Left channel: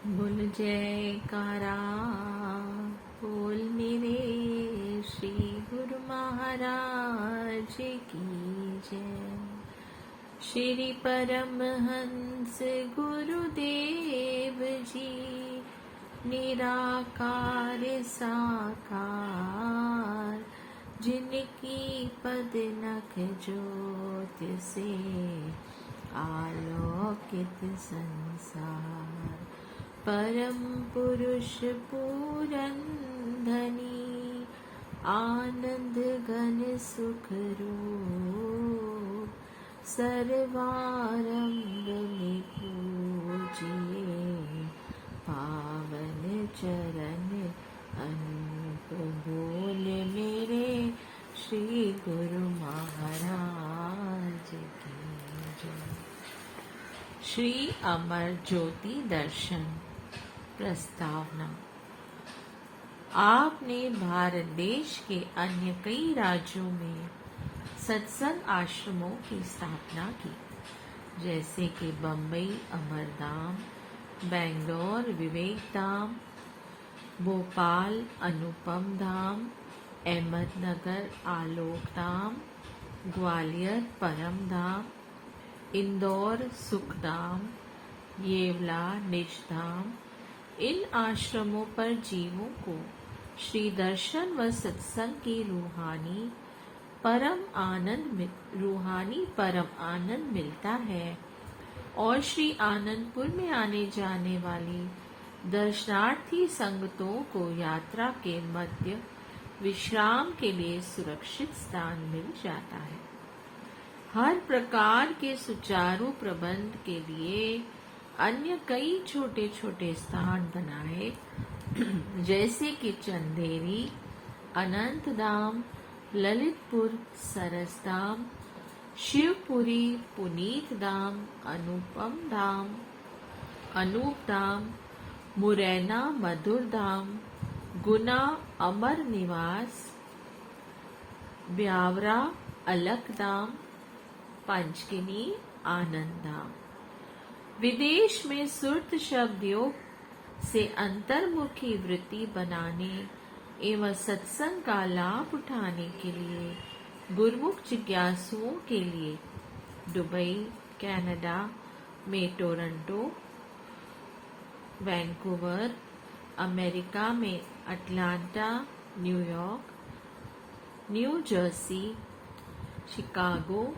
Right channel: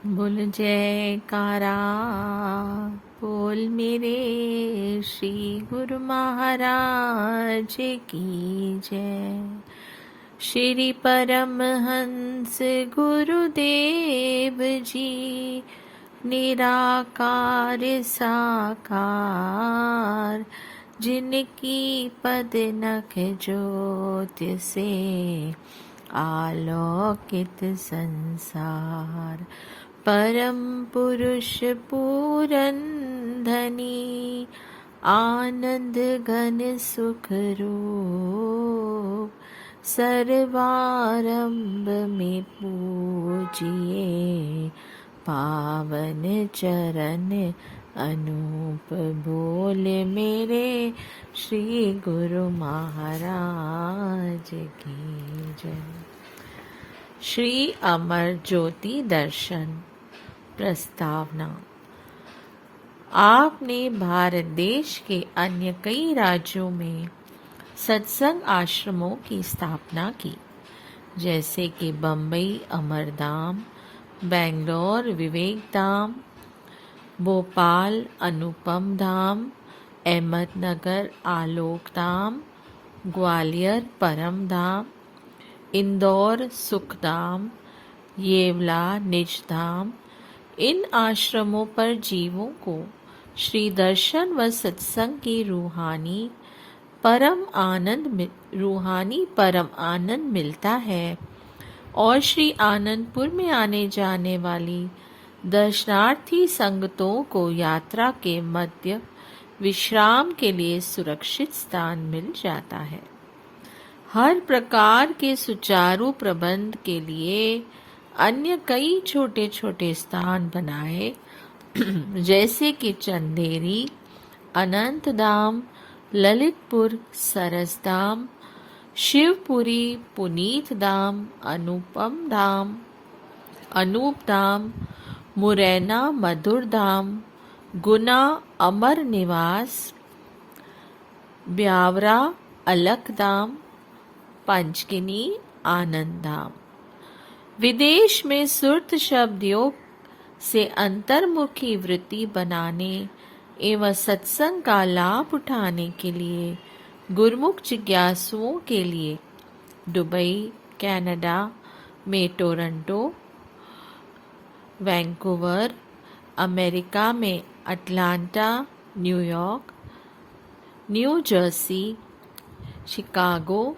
बोल जयकारा बोल मेरे श्री गुरु महाराज की जय। श्री परमहंस गुरुदेव जी निराकार साकार, जिनकी पद नख ज्योति से आलोकित संसार। परम पुरुष पूरन धनी आनंद घन सुख रूप, सर्वारंभ में पूजिए पावन चरण अनूप। बोल मेरे श्री गुरु महाराज की जय। श्री अमर ज्योति दर्शन प्रस्तावना। आपने भारत देश के अन्य कई राज्यों में सत्संग आश्रमों की स्थापना की, जैसे कि बम्बई अमरधाम, बेंगलोर विवेक धाम, भोपाल अनुपम धाम, अहमदनगर आलोक धाम, ग्वालियर परम धाम, इंदौर सुखधाम, येवला निज धाम। इन आश्रमों पर जीवों को श्री दर्शन व सत्संग की रूहानी परम आनंद मिलता है, और श्री आनंदपुर में आने जाने वाली दर्शनार्थी संगतों को यात्रा के मध्य विश्राम के लिए सुरक्षित स्थान मिल जाता है। हर प्रकार के सुचारू प्रबंध के लिए अन्य कई छोटे छोटे स्थान बनाए, जैसे कि चंदेरी, अनंतधाम, ललितपुर सरसधाम, शिवपुरी पुनीत धाम, अनूप धाम, मुरैना मधुर धाम, गुना अमर निवास, ब्यावरा अलख धाम, पंचगिनी आनंद धाम। विदेश में सुरत शब्द योग से अंतर्मुखी वृत्ति बनाने एवं सत्संग का लाभ उठाने के लिए गुरुमुख जिज्ञासुओं के लिए दुबई, कनाडा में टोरंटो, वैंकूवर, अमेरिका में Atlanta, New York, New Jersey, Chicago,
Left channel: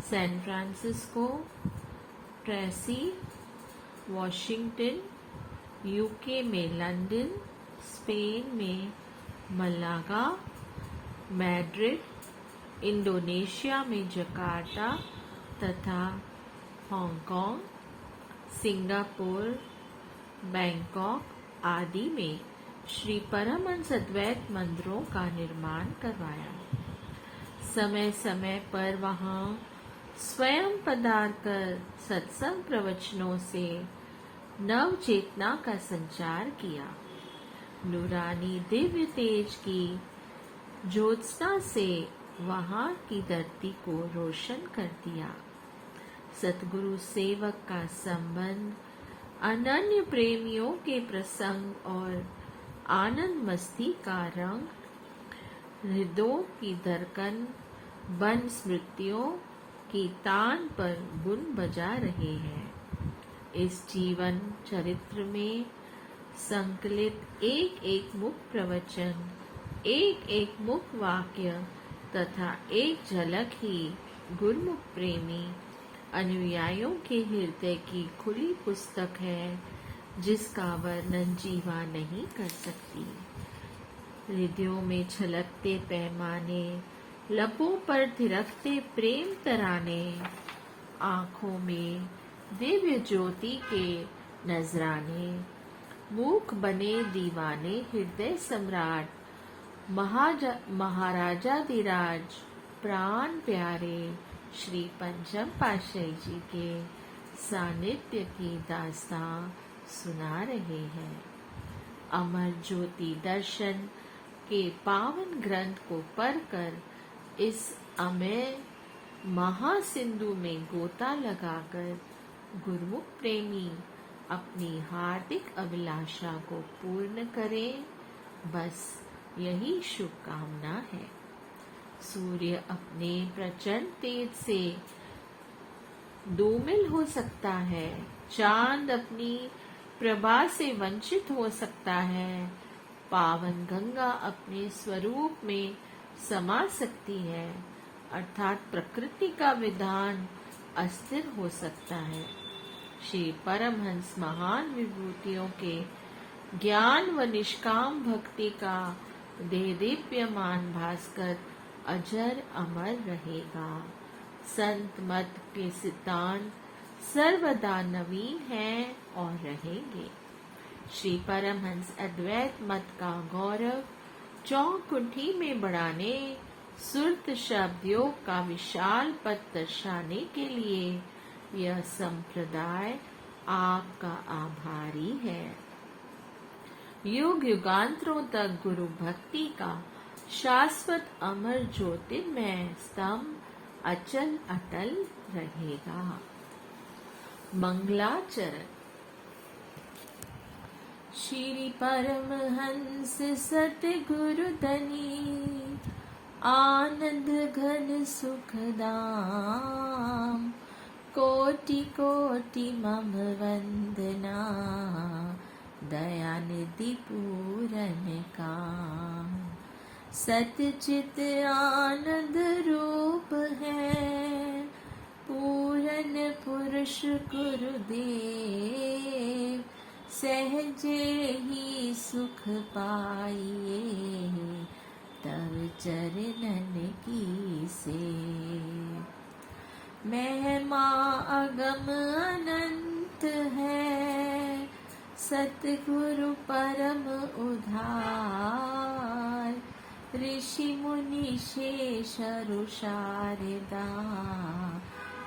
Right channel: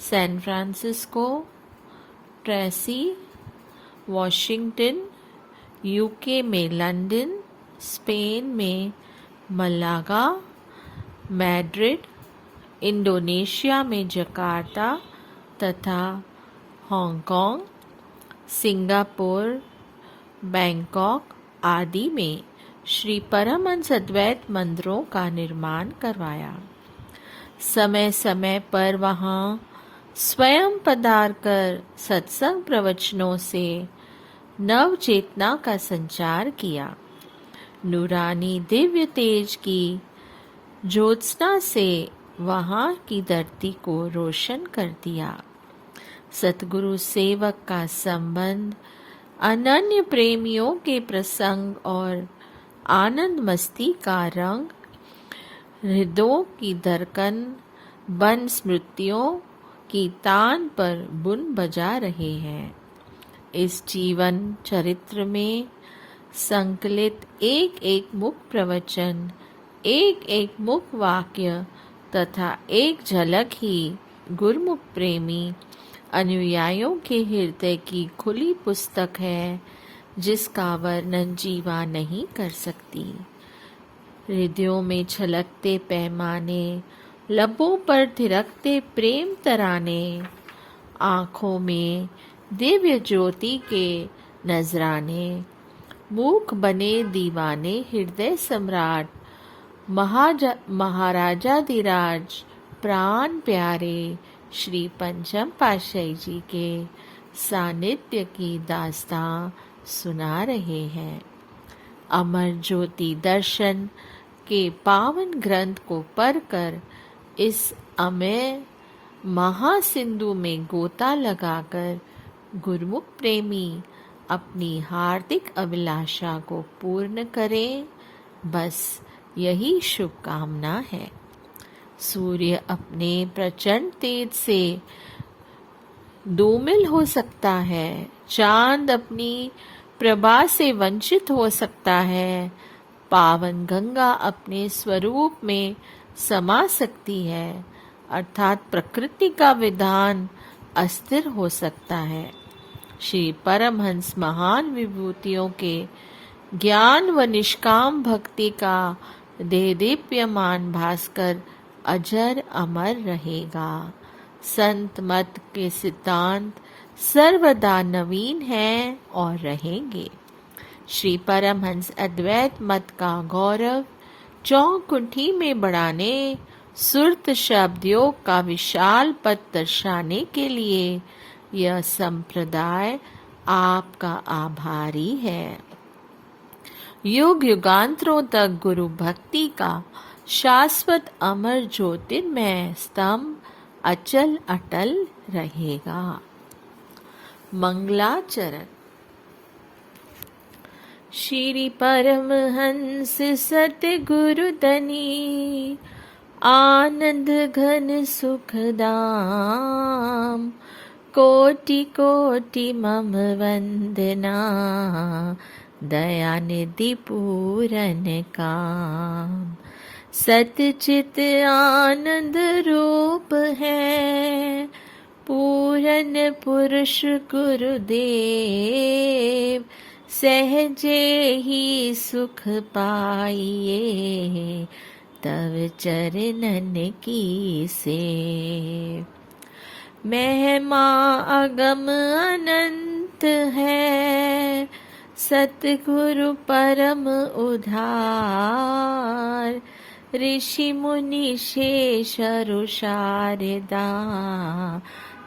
San Francisco, Tracy, Washington, UK में लंदन, स्पेन में मलागा, मैड्रिड, इंडोनेशिया में जकार्ता तथा हांगकांग, सिंगापुर, बैंकॉक आदि में श्री परमहंस अद्वैत मंदिरों का निर्माण करवाया। समय समय पर वहाँ स्वयं पधार कर सत्संग प्रवचनों से नव चेतना का संचार किया। नूरानी दिव्य तेज की ज्योत्सना से वहाँ की धरती को रोशन कर दिया। सतगुरु सेवक का संबंध, अनन्य प्रेमियों के प्रसंग और आनंद मस्ती का रंग हृदयों की धड़कन बन स्मृतियों की तान पर बुन बजा रहे हैं। इस जीवन चरित्र में संकलित एक एक मुख प्रवचन, एक एक मुख वाक्य तथा एक झलक ही गुरुमुख प्रेमी अनुयायियों के हृदय की खुली पुस्तक है, जिसका वर्णन जीवा नहीं कर सकती। हृदयों में छलकते पैमाने, लबों पर थिरकते प्रेम तराने, आँखों में दिव्य ज्योति के नजराने, मूक बने दीवाने हृदय सम्राट महाराजाधिराज प्राण प्यारे श्री पंचम पातशाही जी के सानिध्य की दास्तां सुना रहे हैं। अमर ज्योति दर्शन के पावन ग्रंथ को पढ़कर इस अमेय महासिंधु में गोता लगाकर गुरुमुख प्रेमी अपनी हार्दिक अभिलाषा को पूर्ण करें। बस यही शुभकामना है। सूर्य अपने प्रचंड तेज से धूमिल हो सकता है, चांद अपनी प्रभा से वंचित हो सकता है, पावन गंगा अपने स्वरूप में समा सकती है, अर्थात प्रकृति का विधान अस्थिर हो सकता है। श्री परमहंस महान विभूतियों के ज्ञान व निष्काम भक्ति का देदीप्यमान भास्कर अजर अमर रहेगा। संत मत के सिद्धांत सर्वदा नवीन हैं और रहेंगे। श्री परमहंस अद्वैत मत का गौरव चौकुंठी में बढ़ाने, सुरत शब्द योग का विशाल पथ दर्शाने के लिए यह संप्रदाय आपका आभारी है। युग युगांतरों तक गुरु भक्ति का शाश्वत अमर ज्योतिर्मय स्तंभ अचल अटल रहेगा। मंगलाचरण। श्री परमहंस सतगुरु धनी, आनंद घन सुखदाम, कोटि कोटि मम वंदना, दयानिधि पूरन काम। सतचित आनंद रूप है, पूरन पुरुष गुरुदेव, सहजे ही सुख पाइए, तव चरणन की सेव। महिमा अगम अनंत है, सतगुरु परम उधार, ऋषि मुनि शेष शारदा,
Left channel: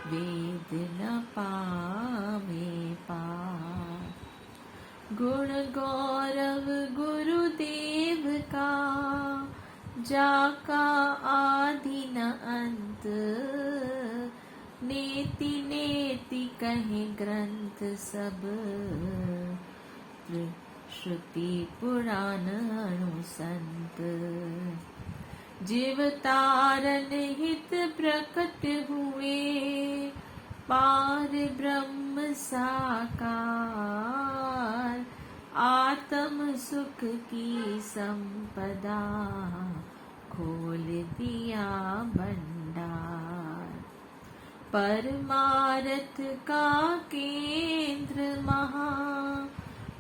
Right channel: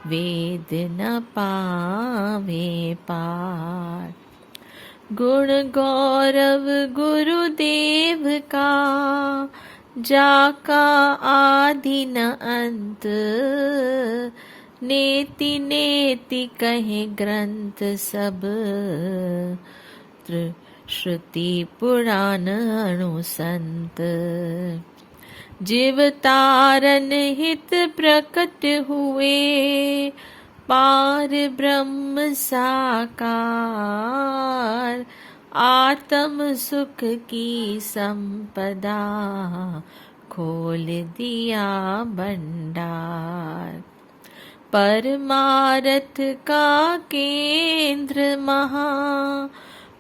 वेद न पावे पार। गुण गौरव गुरुदेव का, जाका आदि न अंत, नेति नेति कहे ग्रंथ सब, श्रुति पुराण अनुसंत। जीव तारन हित प्रकट हुए, पार ब्रह्म साकार, आत्म सुख की संपदा, खोल दिया भंडार। परमारथ का केंद्र महा,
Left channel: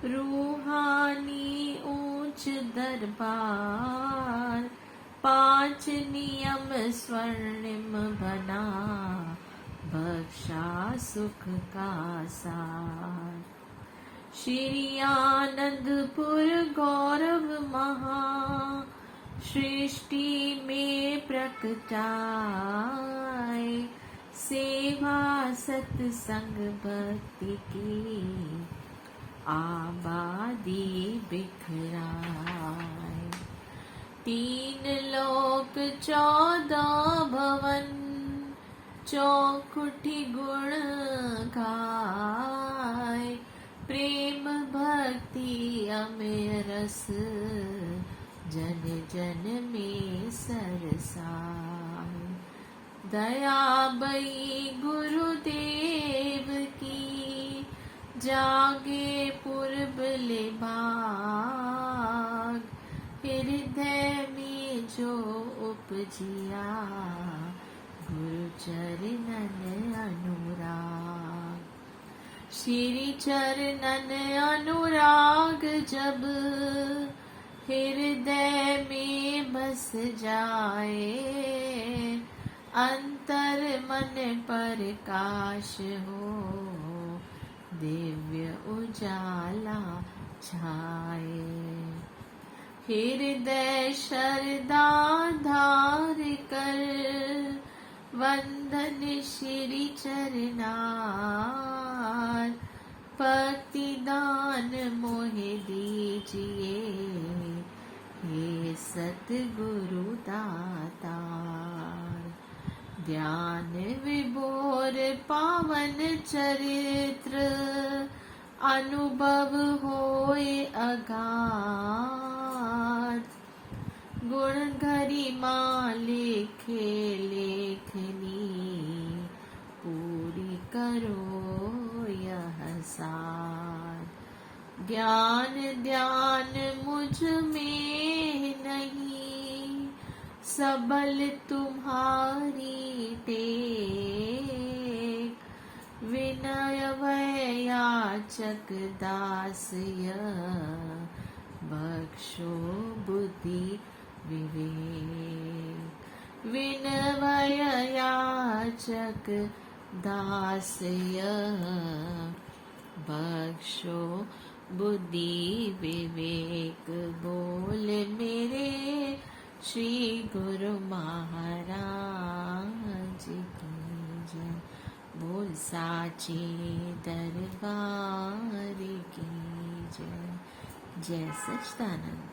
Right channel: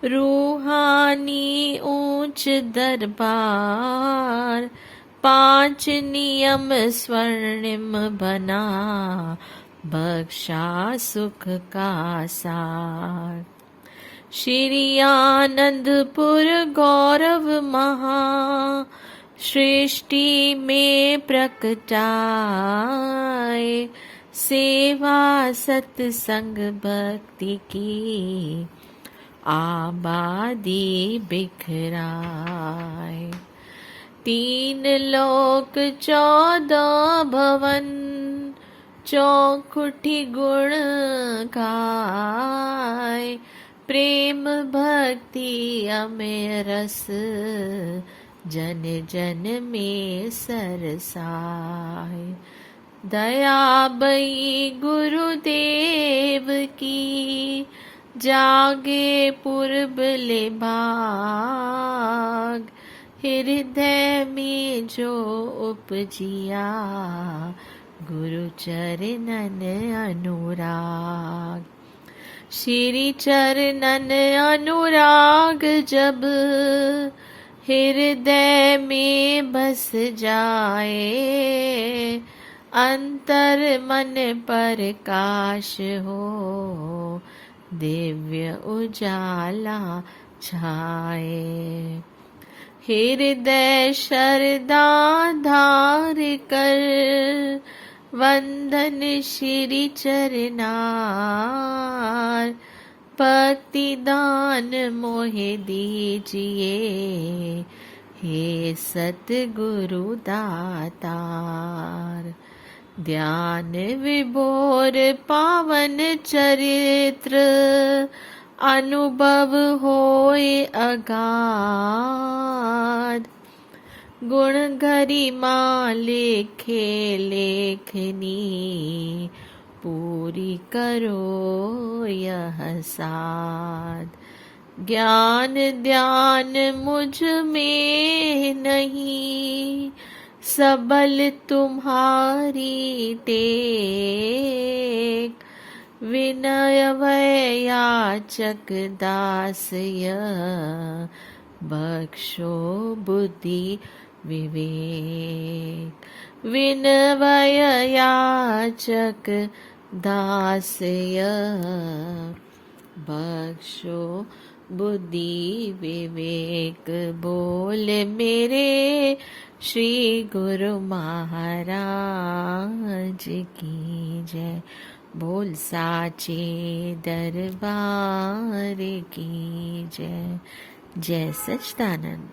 रूहानी ऊंच दरबार, 5 नियम स्वर्णिम बना, बख्शा सुख का सार। श्री आनंदपुर गौरव महा, सृष्टि में प्रकटाए, सेवा सत्संग भक्ति की, आबादी बिखराए। 3 लोक 14 भवन, चौखुठी गुण गाय, प्रेम भक्ति अमेय रस, जन जन में सरसाय। दया बई गुरुदेव की, जागे पूर्व ले भाग, हृदय में जो उपजिया, गुरु चरणन अनुराग। श्री चरणन अनुराग जब, हृदय में बस जाए, अंतर मन प्रकाश हो, दिव्य उजाला छाए। हृदय शरदा धार कर, वंदन श्री चरनार, भक्ति दान मोहे दीजिए, हे सतगुरु दातार। ध्यान विभोर पावन चरित्र, अनुभव होए अगाध, गुण गरिमा लेखे लेखनी, पूरी करो यह साध। ज्ञान ध्यान मुझ में नहीं, सबल तुम्हारी टेक। विनय वै याचक दास यह, बख्शो बुद्धि विवेक। विनय याचक दास यह, बख्शो बुद्धि विवेक। बोल मेरे श्री गुरु महाराज की जय। बोल साचे दरबार की जय। जय सच्चिदानंद।